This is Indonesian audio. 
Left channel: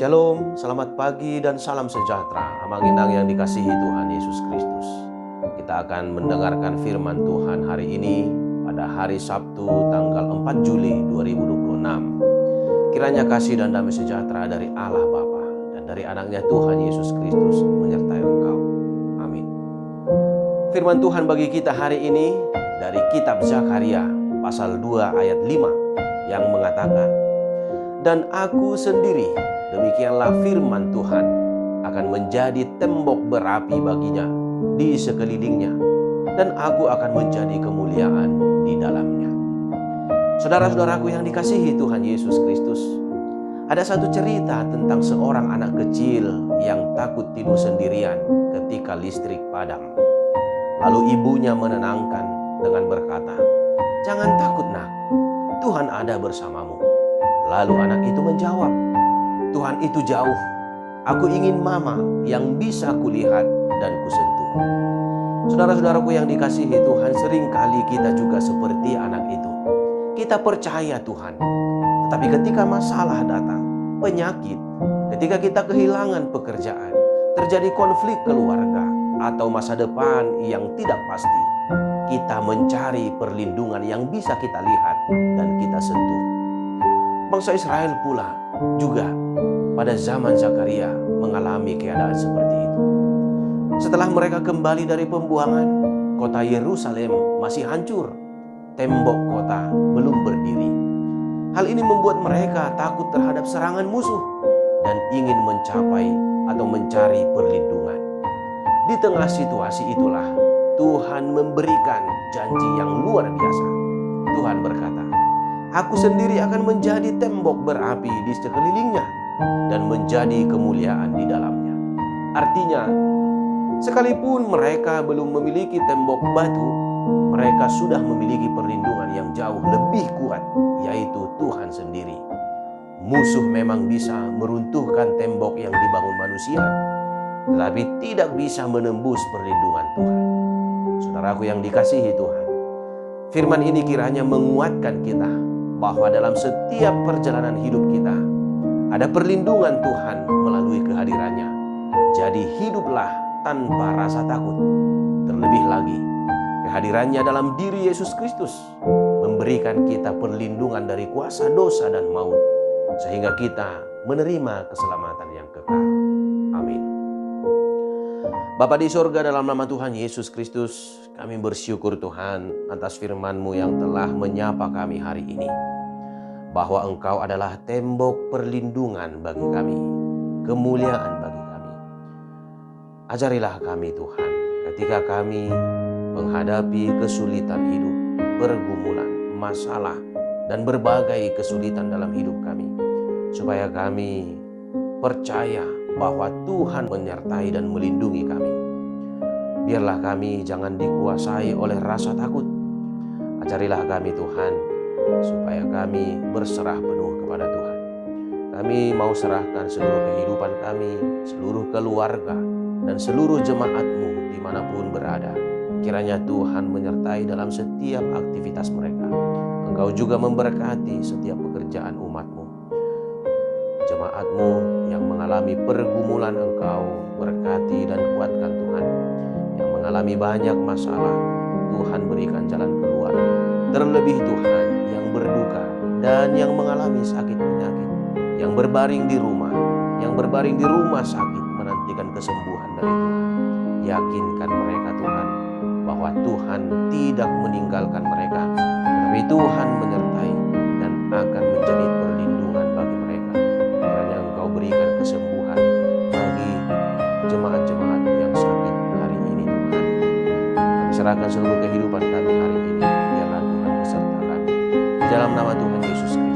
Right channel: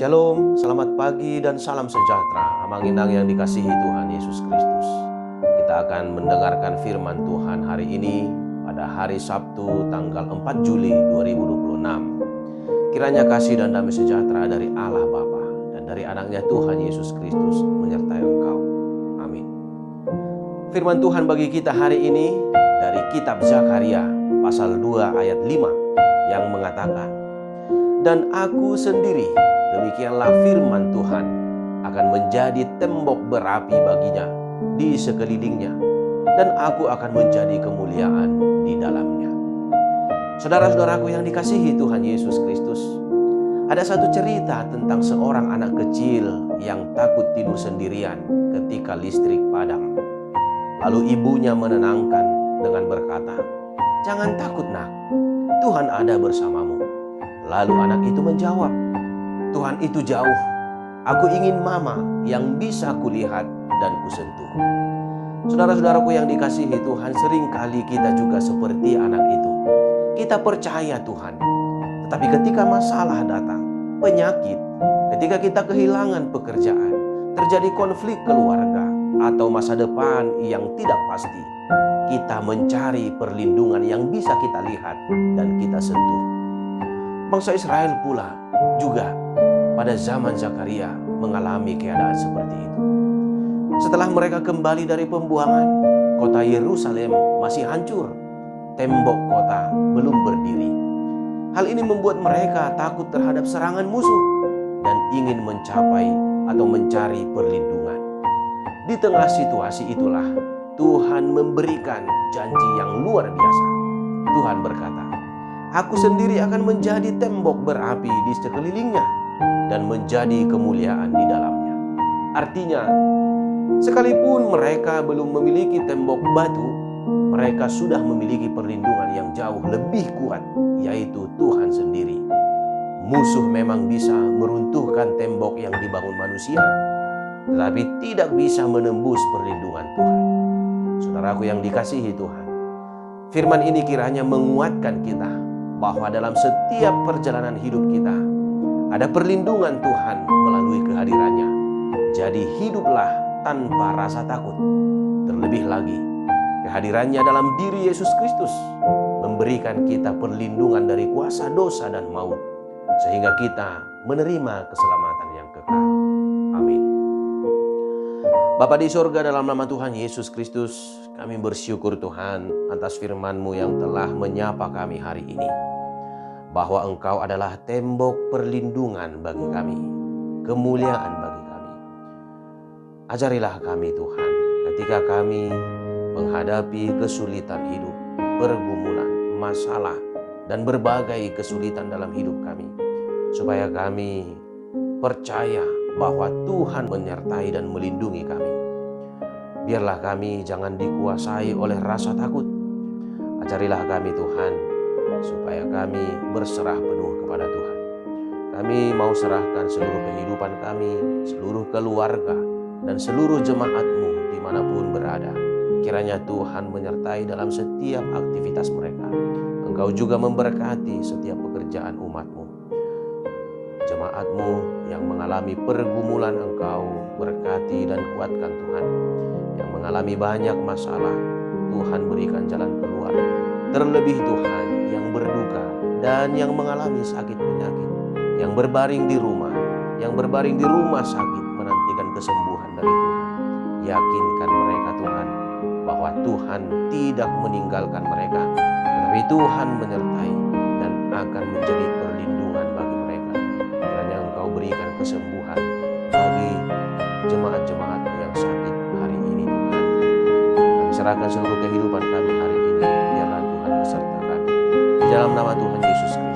Shalom, selamat pagi dan salam sejahtera. Amang-inang yang dikasihi Tuhan Yesus Kristus. Kita akan mendengarkan firman Tuhan hari ini pada hari Sabtu tanggal 4 Juli 2026. Kiranya kasih dan damai sejahtera dari Allah Bapa dan dari anaknya Tuhan Yesus Kristus menyertai engkau. Amin. Firman Tuhan bagi kita hari ini dari kitab Zakaria pasal 2 ayat 5 yang mengatakan, "Dan aku sendiri, demikianlah firman Tuhan, akan menjadi tembok berapi baginya di sekelilingnya, dan aku akan menjadi kemuliaan di dalamnya." Saudara-saudaraku yang dikasihi Tuhan Yesus Kristus, ada satu cerita tentang seorang anak kecil yang takut tidur sendirian ketika listrik padam. Lalu ibunya menenangkan dengan berkata, "Jangan takut nak, Tuhan ada bersamamu." Lalu anak itu menjawab, "Tuhan itu jauh. Aku ingin mama yang bisa kulihat dan kusentuh." Saudara-saudaraku yang dikasihi Tuhan, seringkali kita juga seperti anak itu. Kita percaya Tuhan, tetapi ketika masalah datang, penyakit, ketika kita kehilangan pekerjaan, terjadi konflik keluarga, atau masa depan yang tidak pasti, kita mencari perlindungan yang bisa kita lihat dan kita sentuh. Bangsa Israel pula juga pada zaman Zakaria mengalami keadaan seperti itu. Setelah mereka kembali dari pembuangan, kota Yerusalem masih hancur. Tembok kota belum berdiri. Hal ini membuat mereka takut terhadap serangan musuh dan ingin mencapai atau mencari perlindungan. Di tengah situasi itulah Tuhan memberikan janji yang luar biasa. Tuhan berkata, "Aku sendiri akan menjadi tembok berapi di sekelilingnya dan menjadi kemuliaan di dalamnya." Artinya, sekalipun mereka belum memiliki tembok batu, mereka sudah memiliki perlindungan yang jauh lebih kuat, yaitu Tuhan sendiri. Musuh memang bisa meruntuhkan tembok yang dibangun manusia, tetapi tidak bisa menembus perlindungan Tuhan. Saudaraku yang dikasihi Tuhan, firman ini kiranya menguatkan kita bahwa dalam setiap perjalanan hidup kita ada perlindungan Tuhan melalui kehadirannya. Jadi hiduplah tanpa rasa takut. Terlebih lagi, kehadirannya dalam diri Yesus Kristus memberikan kita perlindungan dari kuasa dosa dan maut, sehingga kita menerima keselamatan yang kekal. Amin. Bapa di sorga, dalam nama Tuhan Yesus Kristus, kami bersyukur Tuhan atas firman-Mu yang telah menyapa kami hari ini, bahwa Engkau adalah tembok perlindungan bagi kami, kemuliaan bagi kami. Ajarilah kami Tuhan, ketika kami menghadapi kesulitan hidup, pergumulan, masalah, dan berbagai kesulitan dalam hidup kami, supaya kami percaya bahwa Tuhan menyertai dan melindungi kami. Biarlah kami jangan dikuasai oleh rasa takut. Ajarilah kami Tuhan, supaya kami berserah penuh kepada Tuhan. Kami mau serahkan seluruh kehidupan kami, seluruh keluarga, dan seluruh jemaat-Mu dimanapun berada. Kiranya Tuhan menyertai dalam setiap aktivitas mereka. Engkau juga memberkati setiap pekerjaan umat-Mu. Jemaat-Mu yang mengalami pergumulan, Engkau berkati dan kuatkan Tuhan. Yang mengalami banyak masalah, Tuhan berikan jalan keluar. Terlebih Tuhan yang berduka dan yang mengalami sakit penyakit, yang berbaring di rumah sakit menantikan kesembuhan dari Tuhan. Yakinkan mereka Tuhan bahwa Tuhan tidak meninggalkan mereka, tetapi Tuhan menyertai dan akan menjadi perlindungan bagi mereka. Kiranya Engkau berikan kesembuhan bagi jemaat-jemaat yang sakit hari ini Tuhan. Kami serahkan seluruh kehidupan kami hari ini, biarlah Tuhan beserta kami. Di dalam nama Tuhan Yesus Kristus